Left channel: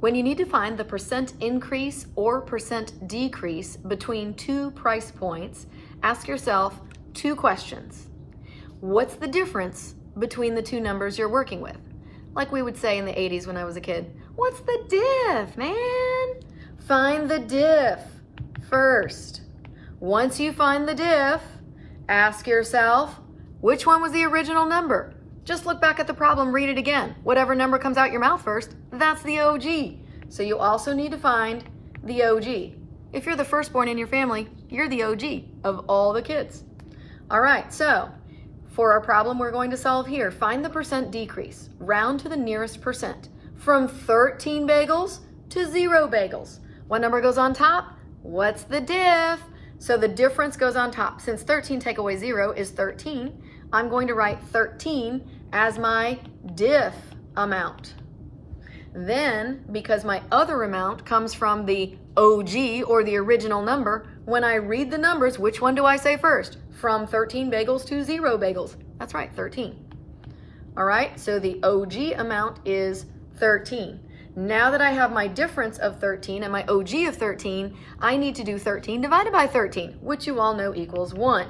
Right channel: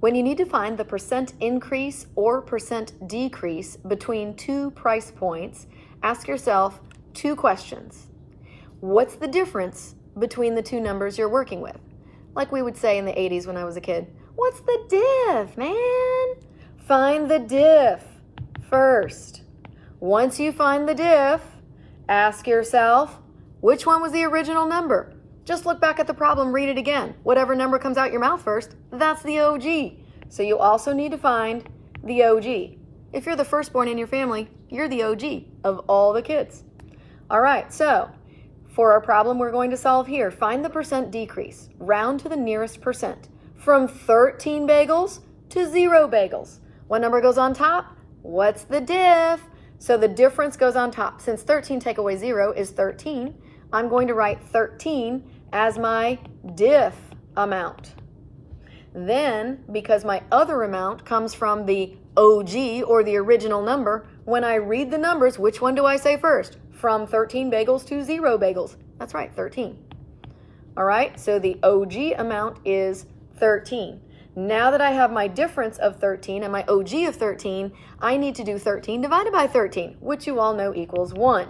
When you need to find the percent increase or percent decrease between two price points, ask yourself two questions. What's the difference between the two numbers you're working with? Like we would say in the 80s when I was a kid, what's the diff, man? Find the diff first. Once you find the diff, ask yourself, which one was the original number? Just look back at the problem, read it again. Whatever number comes out your mouth first, that's the OG. So you also need to find the OG. If you're the firstborn in your family, you're the OG of all the kids. All right, so for our problem we're going to solve here, find the percent decrease. Round to the nearest percent. From 13 bagels to 0 bagels. What number goes on top? What's the diff? So the difference goes on top. Since 13 take away 0 is 13, I'm going to write 13 as my diff amount. Then, because my other amount comes from the OG or the original number, when I read the numbers, which one do I say first? From 13 bagels to 0 bagels. That's right, 13. All right, so the OG amount is 13. Now that I have my difference of 13 and my OG of 13, I need to do 13 divided by 13, which you all know equals 1.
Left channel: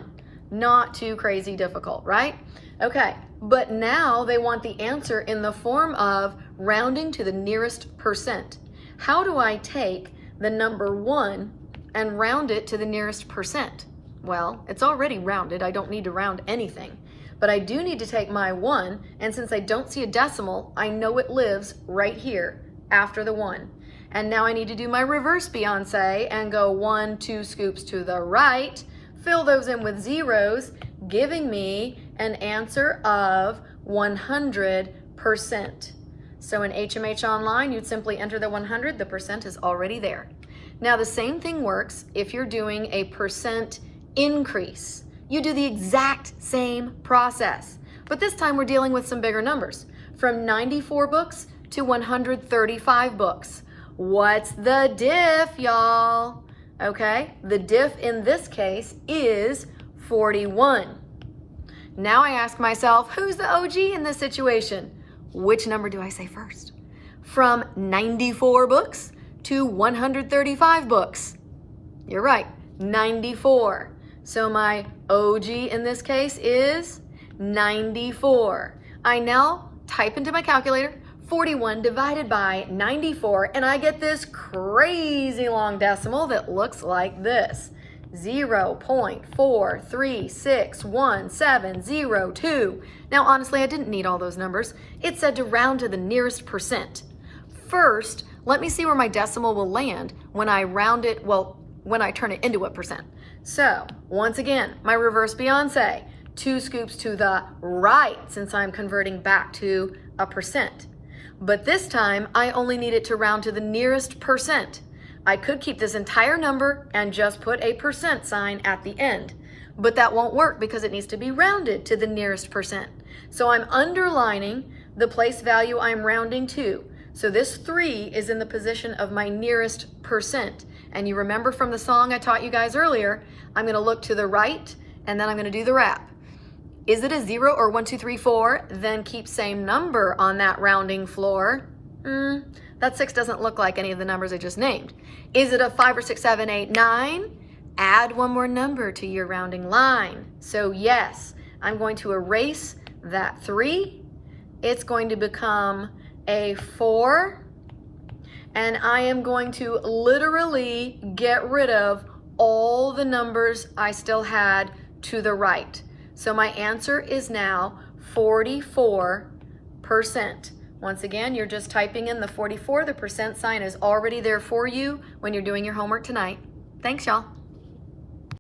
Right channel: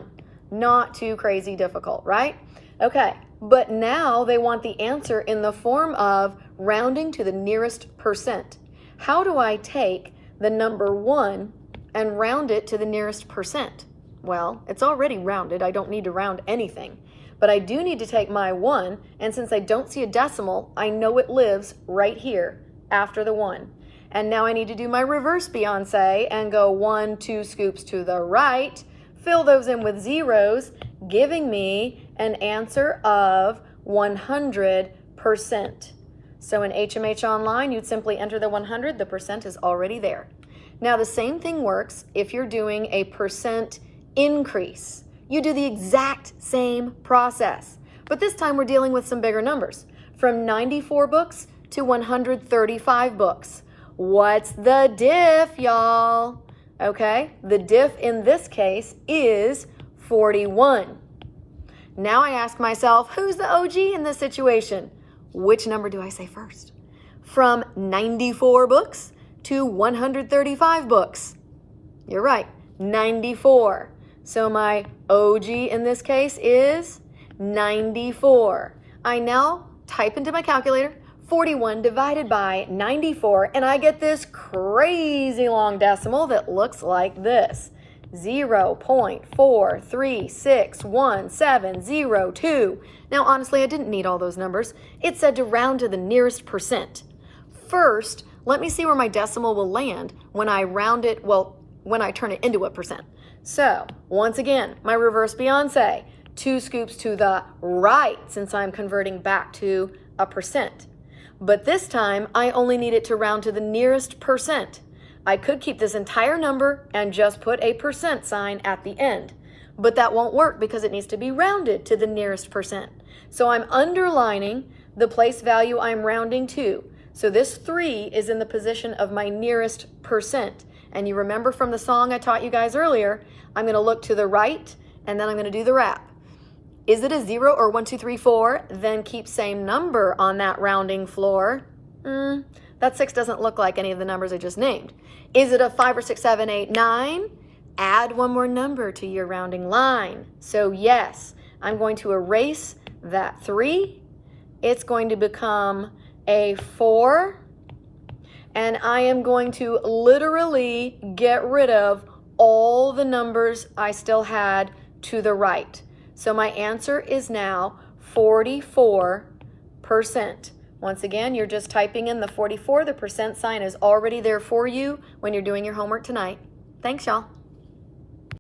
Not too crazy difficult, right? Okay, but now they want the answer in the form of rounding to the nearest percent. How do I take the number 1 and round it to the nearest percent? Well, it's already rounded. I don't need to round anything. But I do need to take my 1, and since I don't see a decimal, I know it lives right here after the 1. And now I need to do my reverse Beyonce and go 1, 2 scoops to the right, fill those in with zeros, giving me an answer of 100%. So in HMH Online, you'd simply enter the 100, the percent is already there. Now the same thing works if you're doing a percent increase. You do the exact same process, but this time we're dealing with some bigger numbers. From 94 books to 135 books. What's the diff, y'all? Okay, the diff in this case is 41. Now I ask myself, who's the OG in this situation? Which number do I say first? From 94 books to 135 books. You're right, 94. So my OG in this case is 94. I now type into my calculator 41 divided by 94, and I get this crazy long decimal that looks like this. 0.4361702. Now, honestly, I didn't need all those numbers. It said to round to the nearest percent. First, let me see where my decimal will land when I round it, when I turn it into a percent. So, once again, my reverse Beyonce, 2 scoops to the right since I'm converting back to a percent. But this time, I only need it to round to the nearest percent. I could keep this entire number and just put a percent sign at the end, but that won't work because it needs to be rounded to the nearest percent. So I'm underlining the place value I'm rounding to. So this 3 is in the position of my nearest percent. And you remember from the song I taught you guys earlier, I'm going to look to the right and then I'm going to do the rap. Is it a 0 or 1, 2, 3, 4? Then keep same number on that rounding floor. That 6 doesn't look like any of the numbers I just named. Is it a 5 or 6, 7, 8, 9? Add one more number to your rounding line. So yes, I'm going to erase that 3. It's going to become a 4. And I am going to literally get rid of all the numbers I still had to the right. So my answer is now 44%. Once again, you're just typing in the 44. The percent sign is already there for you when you're doing your homework tonight. Thanks, y'all.